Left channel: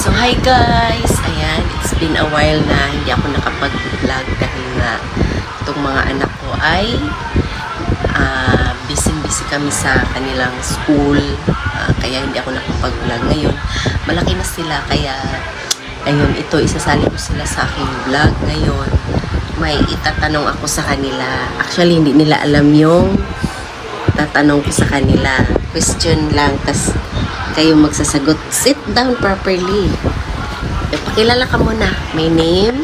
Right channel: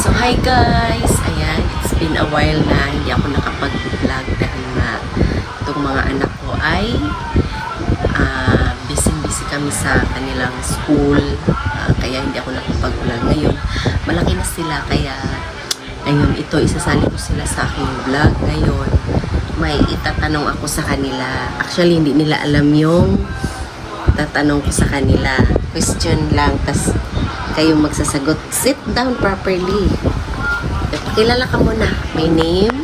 So, hi guys! Ayan, it's been a while na hindi ako nakapag-vlog dahil nga itong mga anak ko ay busy-busy kami sa kanilang school. Kaya hindi ako nakapag-vlog ngayon. Malaki na sila, kaya ayun, ito, isasali ko sila sa aking vlog ngayon. May itatanong ako sa kanila. Actually, hindi nila alam yung tatanong ko sa kanila. Question lang, tas kayo magsasagot. Sit down properly. Pakilala ka muna. My name?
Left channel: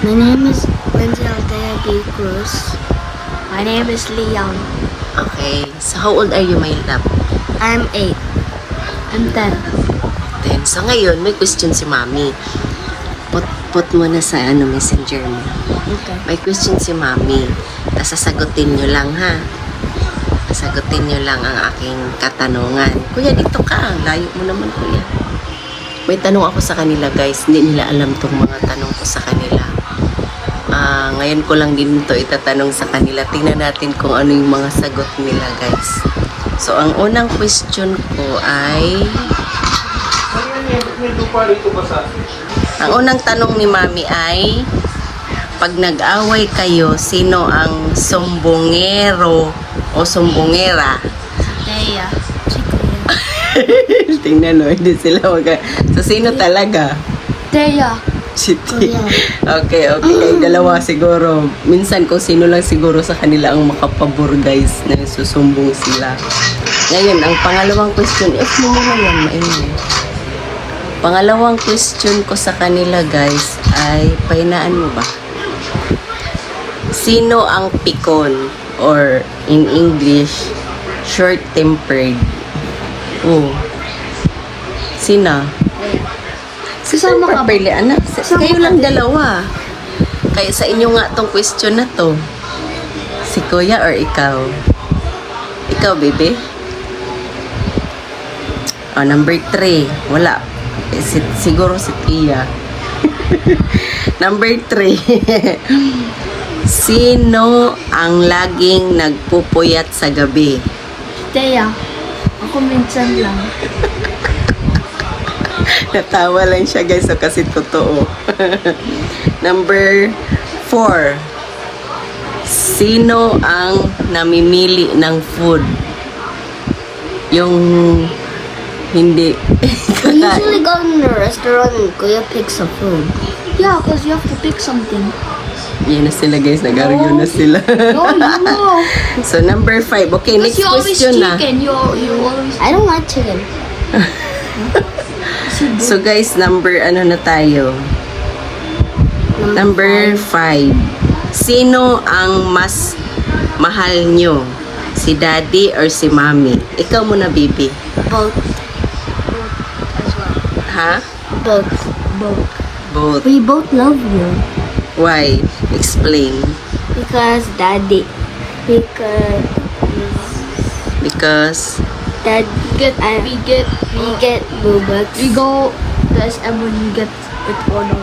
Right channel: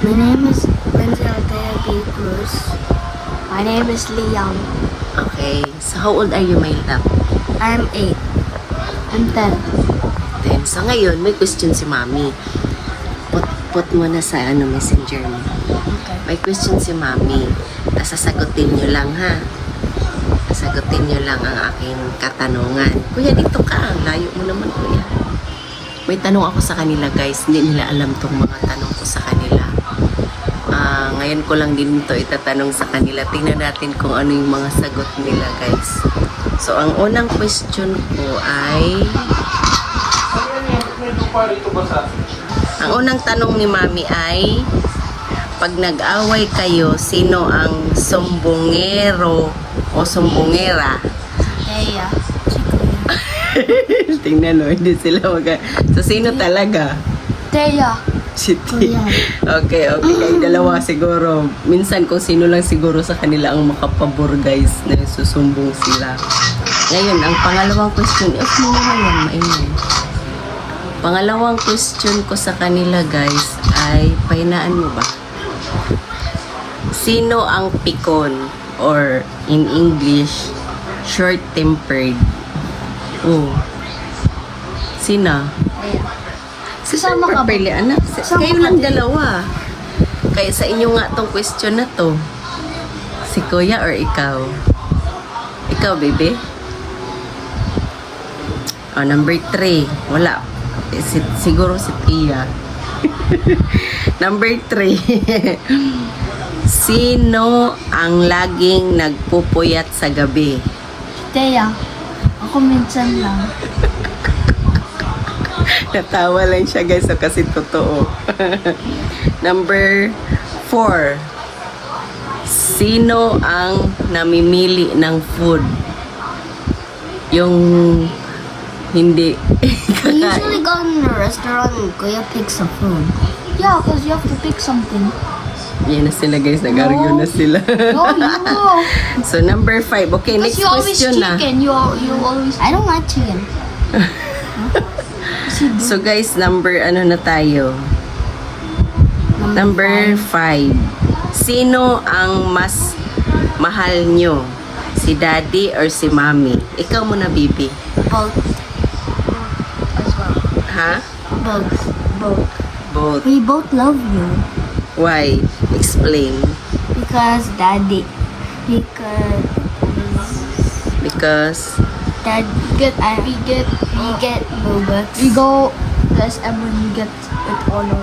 My name is Wendy Althea B. Cruz. My name is Leon. Okay. So, how old are you, my love? I'm 8. I'm 10. Then, so ngayon, may question si Mami. Put mo na sa messenger mo. Okay. May question si Mami. Sasagutin nyo lang, ha? Sasagutin nyo lang ang aking katanungan. Kuya, dito ka. Ang layo mo naman, kuya. May tanong ako sa kanila, guys. Hindi nila alam tong mga tanong ko sa kanila. Ngayon ko lang din ito itatanong sa kanila. Tingnan natin kung ano yung mga sagot nila, guys. So, ang unang question ko ay... Ang unang tanong ni Mami ay... Pag nag-away kayo, sino ang sumbongero o sumbongera? Thea. Si Kuya. Tingnan mo, hindi sila So, sino talaga? Thea. Si Kuya. Okay. Dalawa siguro. Minsan kung sino lang siguro sa kanila ang makapabor, guys, na susumbong sila. Ngayon, ang pangalawang question, off mo muna yan, mainit. Pangalawang question ko sa kanila, guys, ay, pahinaan mo ba? Sino ang pikon or in English, short-tempered? Oh. Sino? Kasama ka ba? Properly, anak. Kasama Kayo ka lang din? dalawa. Kaya sa inyo nga tong question na to. Si Kuya or ikaw? Ikaw, baby? Oh, number 3. Wala. Siguro si Tia. Number 3. Sino ang laging nagpupuyat sa gabi? Thea. Ako minsan lang. Natawa lang siya, guys, so kasi totoo. Number 4. Sino ang namimili ng food? Yung hindi We usually go in a restaurant and Kuya picks a food. Yeah, because you have to pick something. Yan na sila, guys, nag-argue na sila. No, you know. So number 5. Okay, Because next you always question na. chicken. You always... I don't like chicken. So guys, number ano na tayo? Number 5. Sino ang mas mahal nyo? Si daddy or si mommy? Ikaw muna, baby. Both. Both as well. Ha? Both. Both. Both. We both love you. Why? Explain. Because daddy. Because Dad we get Robux. We go and when we get it order.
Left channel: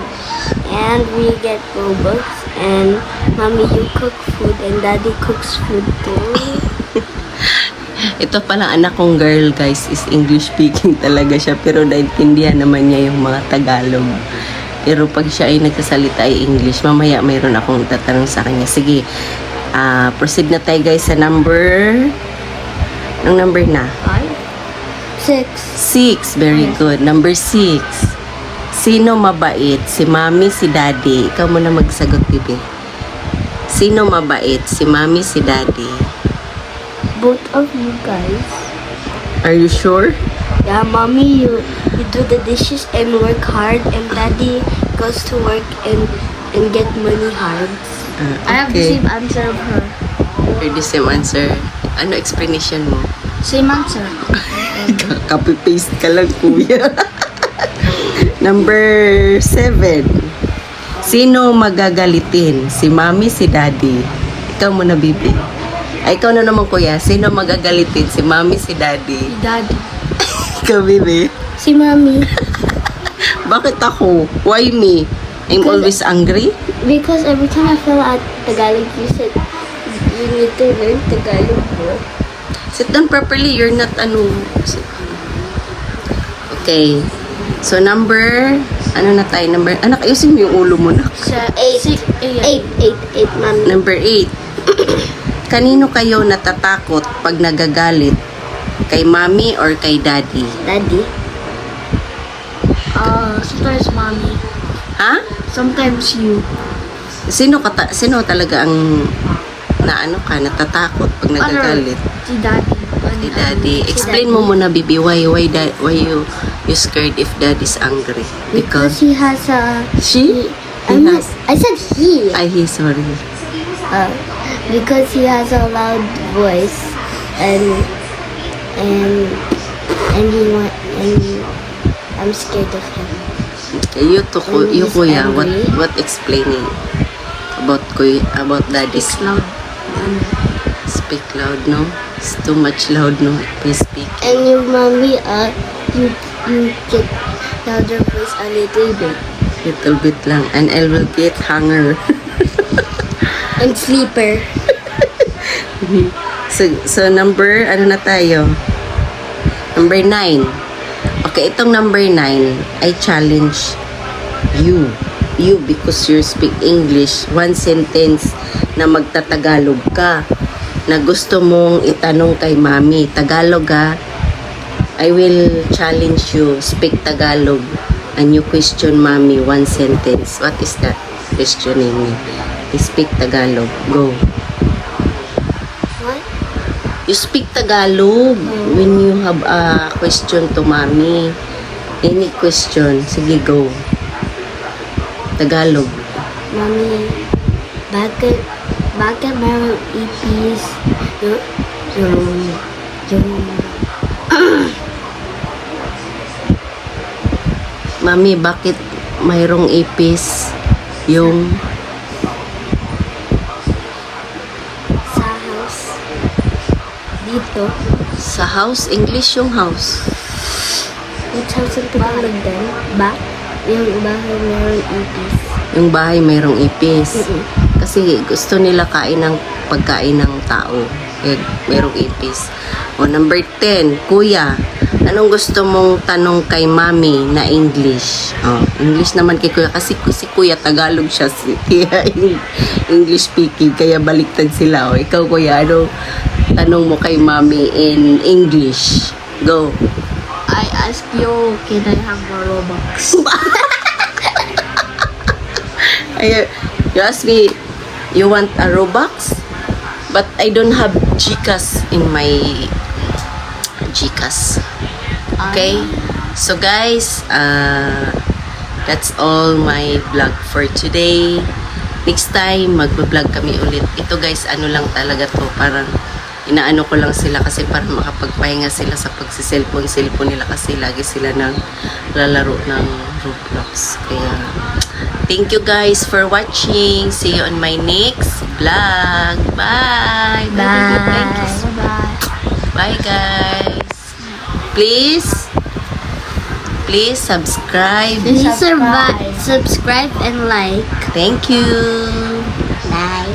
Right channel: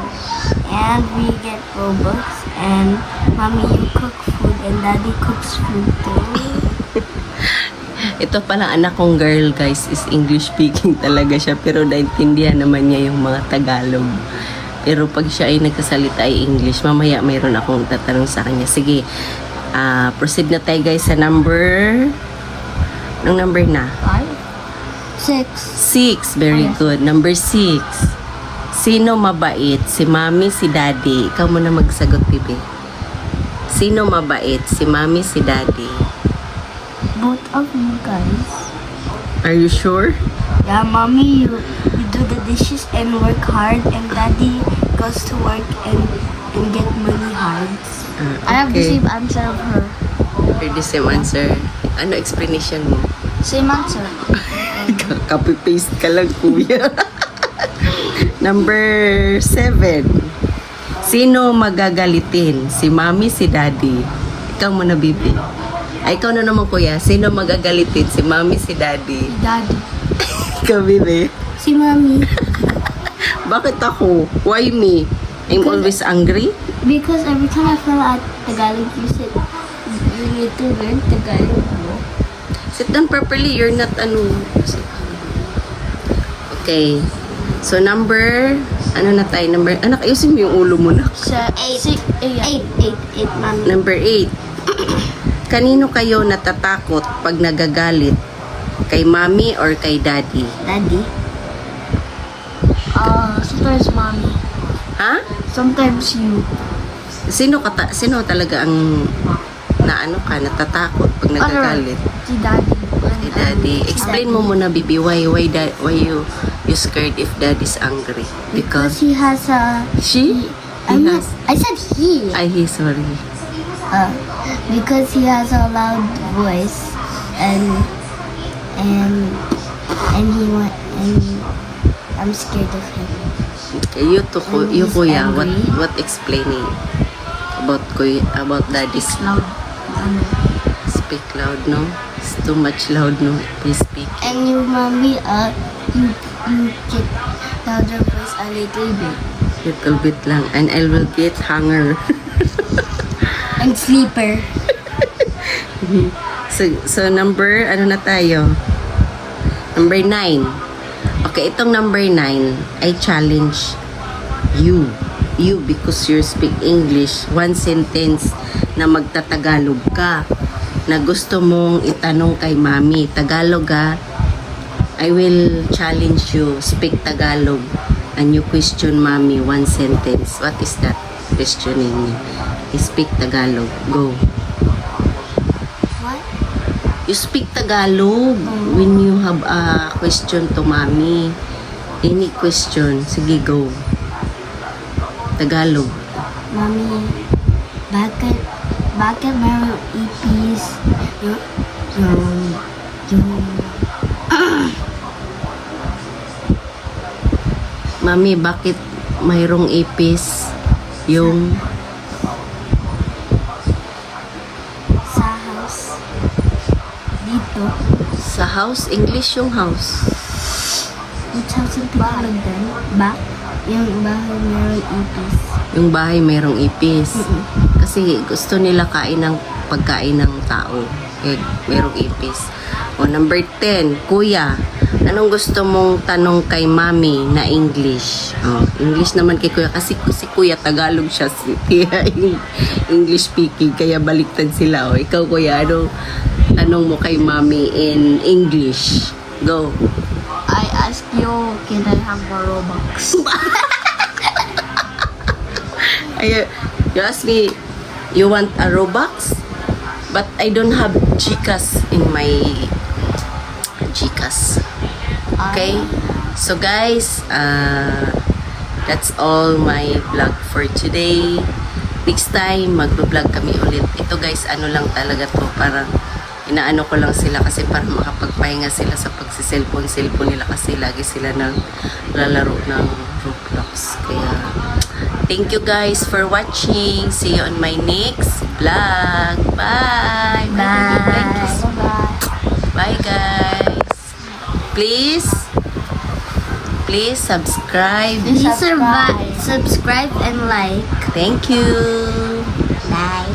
And we get Robux and mommy you cook food and daddy cooks food too. ito pala anak kong girl, guys, is English speaking talaga siya, pero naintindihan naman niya yung mga Tagalog. Pero pag siya ay nagsasalita ay English, mamaya mayroon akong tatanong sa kanya. Sige, proceed na tayo, guys, sa number... Anong number na? 6. 6. Very good. Number 6. Sino mabait? Si mommy, si daddy? Ikaw muna magsagot, bibi. Sino mabait? Si mommy, si daddy? Both of you guys. Are you sure? Yeah, mommy, you do the dishes and work hard, and daddy goes to work and get money hard. I have the Okay. same answer of her. You're the same answer. Ano explanation mo? Same answer. Copy-paste ka lang, kuya. Number 7. Sino magagalitin? Si mommy, si daddy? Ikaw muna, bibi. Ay, ikaw na naman, kuya. Sino magagalitin? Si mommy, si daddy? Si daddy. Ikaw, bibi. Si mommy. Bakit ako? Why me? I'm Because- always angry? Because every time I feel at Tagalog, you said you need to learn Tagalog more. Sit down properly. You're not ano. Okay. So, ano na tayo? Anak, ayusin mo yung ulo mo na. Eight, mommy. Number 8. Kanino kayo natatakot pag nagagalit? Kay mommy or kay daddy? Daddy. Sometimes mommy. Ha? Sometimes you. Sino talaga ang natatakot pag nagagalit? Si daddy. Si daddy. Explain mo muna, baby, why you scared if daddy's angry? Because he has a... She? I said he. He's sorry. Because he has a loud voice and I'm scared of him. You When he's kuya, angry. what explaining about daddy's Loud. speak loud, no? It's too much loud, no? Please speak. And you, mommy, you get louder voice a little bit. Little bit lang. And I will get hunger. And sleeper. So number, ano na tayo? Number 9. Okay, itong number 9, I challenge you. You, because you speak English, one sentence na magtatagalog ka, na gusto mong itanong kay mami. Tagalog ha. I will challenge you, speak Tagalog, and you question mami one sentence. What is that? Questioning me. Speak Tagalog. Go. What? You speak Tagalog when you have a question to mommy. Any question. Sige, go. Tagalog. Mommy, bakit meron ipis? Yung Mami, bakit mayroong ipis yung sa house. Dito. sa house? English yung house. Which house ang Tagalog din? Yung bahay meron ipis. Yung bahay mayroong ipis. Mm-mm. Kasi gusto nila kain ng pagkain ng tao. Eh, mayroong ipis. O, number 10. Kuya, anong gusto mong tanong kay mami na English? Oh, English naman kay kuya. Kasi si kuya Tagalog siya. Kaya English speaking. Kaya baliktad sila. O, ikaw kuya, ano tanong mo kay mami in English? Go. I ask you, can I have more Robux? Ay, you ask me, you want a Robux? But I don't have Gcash in my Gcash. Okay? So guys, that's all my vlog for today. Next time, mag-vlog kami ulit. Ito guys, ano lang talaga to, para inaano ko lang sila kasi para makapagpahinga sila sa pagsiselfone nila kasi lagi sila naglalaro ng Roblox. Kaya, thank you guys for watching. See you on my next vlog. Bye! Bye. Bye guys! Please subscribe. Subscribe and like. Thank you! Bye.